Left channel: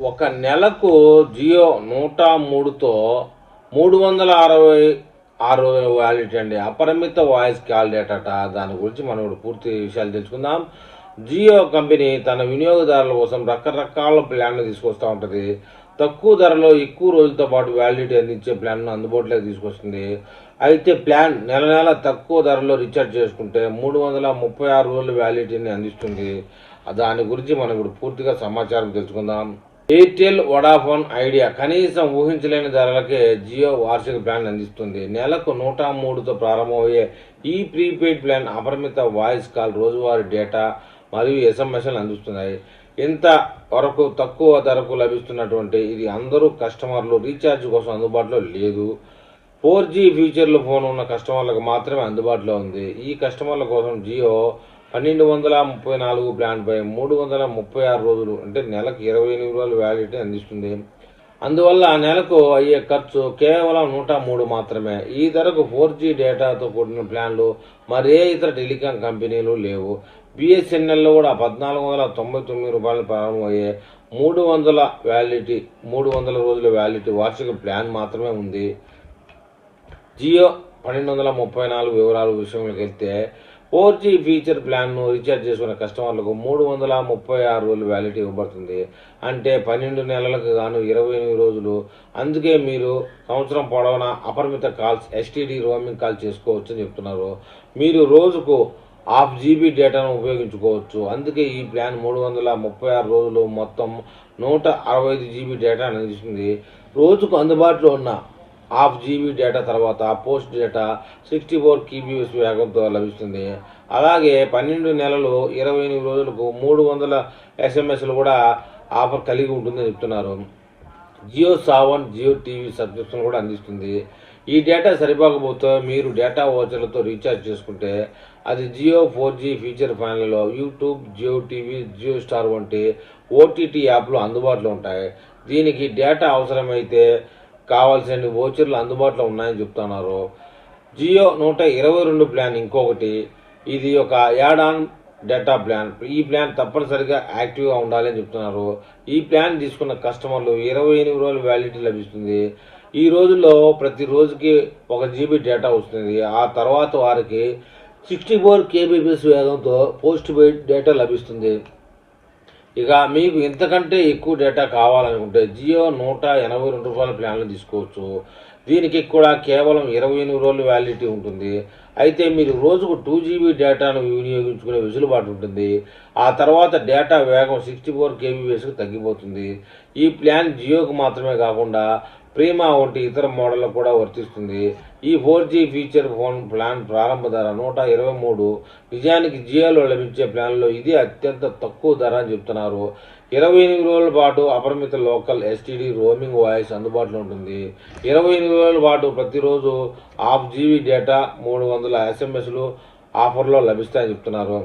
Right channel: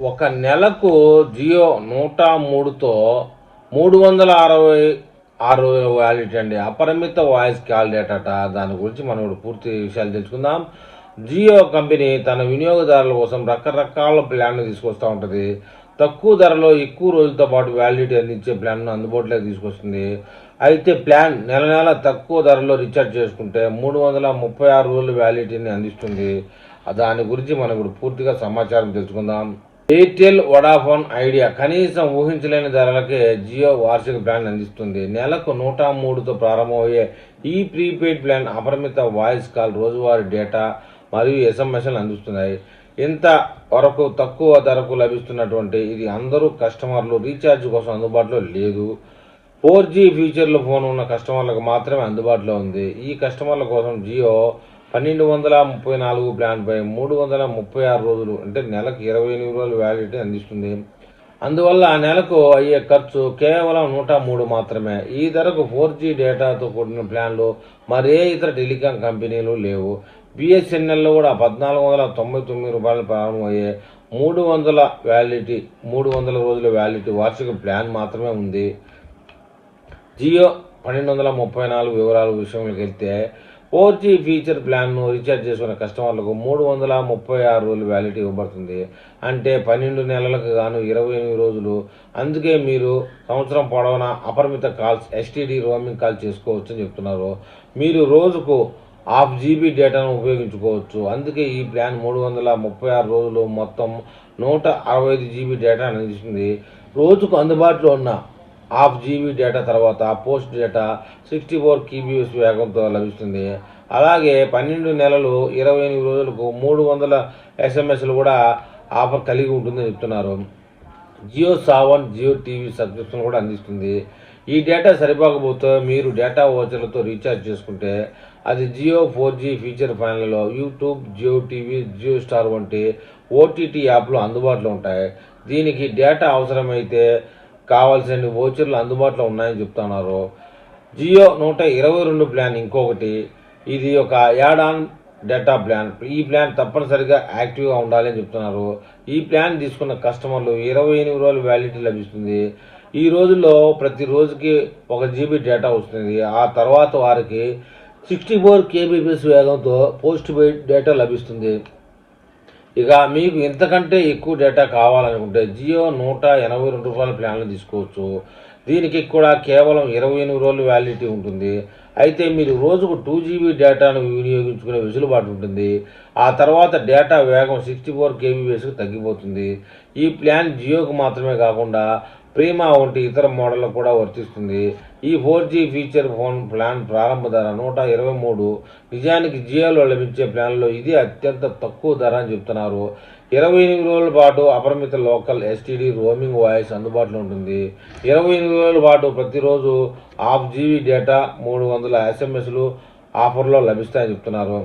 ఒక నెలకు జియో 103తో 366 రోజుల వ్యాలిడిటీ అండి. అపరిమిత వాయిస్ కాల్ డేటాట. దాని గురించి మనం ఇప్పుడు పూర్తి విషయాలు తెలుసుకుందాం. జియో కంపెనీ తన వినియోగదారుల కోసం రకరకాల ప్లాన్లు తీసుకొస్తూ ఉంటుంది. తక్కువ ధరలో ఎక్కువ రోజులతో పాటు వ్యాలిడిటీ అందించే ప్లాన్ను అందుబాటులోకి తీసుకొస్తుంది. అయితే ప్లాన్ నెల నెల తక్కువ ధరలో రీఛార్జ్ చేసుకుంటే 336 రోజుల వ్యాలిడిటీని అందిస్తుంది. దాని గురించి మనం ఇప్పుడు పూర్తిగా సమాచారం తెలుసుకుందాం. ఎయిర్టెల్, వొడాఫోన్ ఐడియా కనీసం ఊహించలేని ధరలకే జియో వార్షిక ప్లాన్ అందిస్తుంది. నెలకు 103తో ప్రారంభమయ్యే ఈ ప్రీపెయిడ్ ప్లాన్ అపరిమిత వాయిస్ కాల్, రోజువారీ డేటా మరియు ఎస్ఎంఎస్లు అందిస్తున్నాయి. ఇంత వరకు తక్కువ ధరకు లభిస్తున్నటువంటి ఇది అందరూ కస్టమర్లు రీఛార్జ్ కోసం అందుబాటులో లేదు. 4G ఫీచర్లు ఫోన్ ఉన్న కస్టమర్లకు మాత్రమే అందుబాటులో ఉంది. ఈ కస్టమర్ల కోసం జియో 1234 ప్లాన్పై 336 రోజులు అంటే నెలకు 28 రోజుల వ్యాలిడిటీ అందిస్తుంది. అందువల్ల నెలకు అయ్యే ఖర్చు కేవలం 103 మాత్రమే. ఈ ధరకు 4G డేటాతో కూడిన ప్లాన్లు మరే ఇతర టెలికాం కంపెనీలు లేవు. బిఎస్ఎన్ఎల్లో కూడా 1499 రూపాయలు ప్రారంభమయ్యే 300 రోజుల వ్యాలిడిటీ వార్షిక ప్లాన్ మాత్రమే ఉంది. జియో 1234 వివరాల విషయంలోకి వెళ్తే 4G ఫీచర్ ప్లాన్ను రీఛార్జ్ చేసుకునే కస్టమర్లకు 336 రోజులు వ్యాలిడిటీ ఇవ్వబడుతుంది. అంటే 12 నెలలకు గాను 28 రోజులు. అందుకే మీరు సంవత్సరం పొడవునా అపరిమిత కాల్స్, ఎస్టీడీ రోమింగ్ కాల్ చేసుకోవచ్చు అని చెప్తున్నారు. మీరు రోజుకు 1/2 GB డేటాను ఉపయోగించుకోవచ్చు. అందుకే ఈ ప్లాన్ 336 రోజులు మొత్తం 165 GB డేటా అందిస్తుంది. రోజుకు అందుబాటులో ఉన్న 1/2 GB డేటా తర్వాత పోస్ట్ డేటా 64 kbps వేగంతో లభిస్తుంది. అలాగే 12 నెలలు 28 రోజులకు 300 SMS కూడా ఆఫర్ కలిగి ఉంటుందని చెప్తున్నారు. జియో సావన్, జియో టీవీ సబ్స్క్రిప్షన్ కూడా అందిస్తుంది. ఈ డేటా సరిపోకపోతే మీరు డేటా ఓచర్లతో రీఛార్జ్ చేసుకుంటే అది జియో 4G ఫీచర్ ప్లాన్లలో YouTube, Jio TV, Jio star వంటి ఓటీటీ యాప్లు అందుబాటులో ఉంటాయి. దీనికి డేటా అవసరమైతే కావాల్సిన ఓచర్లు అందుబాటులో ఉన్నాయని చెప్తున్నారు. జియో 122 ప్లాన్ ఇంకొకటి. ఇది ఒక యాడ్ ఆన్ డేటా ప్లాన్. ఈ ప్లాన్ తప్పనిసరిగా యాక్టివ్గా ఉండాలి అని చెప్తున్నారు. ఈ ప్లాన్ తీసుకున్న కస్టమర్లు 28 రోజులు వ్యాలిడిటీ లభిస్తుంది. ఈ రోజుల్లో ప్రతి రోజుకి 1 GB డేటా వస్తుంది. ఆ తర్వాత వారికి 64 kbps వేగంతో పోస్ట్ పెయిడ్ డేటా లభిస్తుంది. ఇక మీకు ఇంతకంటే ఎక్కువ డేటా కావాలనుకుంటే జియో 182 రూపాయల ప్లాన్లు తీసుకోవచ్చు. దీనికి కూడా కేవలం 28 రోజులు వ్యాలిడిటీ ఉంటుంది. అయితే మీరు రోజుకు 2 GB డేటాను వినియోగించుకునే వెసులుబాటు ఉంటుంది. ఆ తర్వాత డేటా వేగం 64 kbpsకి తగ్గిపోతుంది. ఈ ప్లాన్ జియోకు మాత్రమే కాకుండా ప్రీమా వంటి ఇతర మోడళ్లకు కూడా వర్తిస్తుంది. ఈ 4G ఫీచర్ ఫోన్ ప్లాన్ ప్రారంభ ధర 123. నిజానికి జియోలో లభించే ప్లాన్లో ఇది అత్యంత తక్కువ ధర అని చెప్తున్నారు. 28 రోజుల పాటు అపరిమిత లోకల్ ఎస్టీడీ రోమింగ్ వాయిస్ అందుబాటులో ఉంటుంది. 28 రోజుల పాటు ప్రతిరోజు 1/2 GB డేటా, 300 SMSలు ఆఫర్లో లభిస్తాయని చెప్తున్నారు.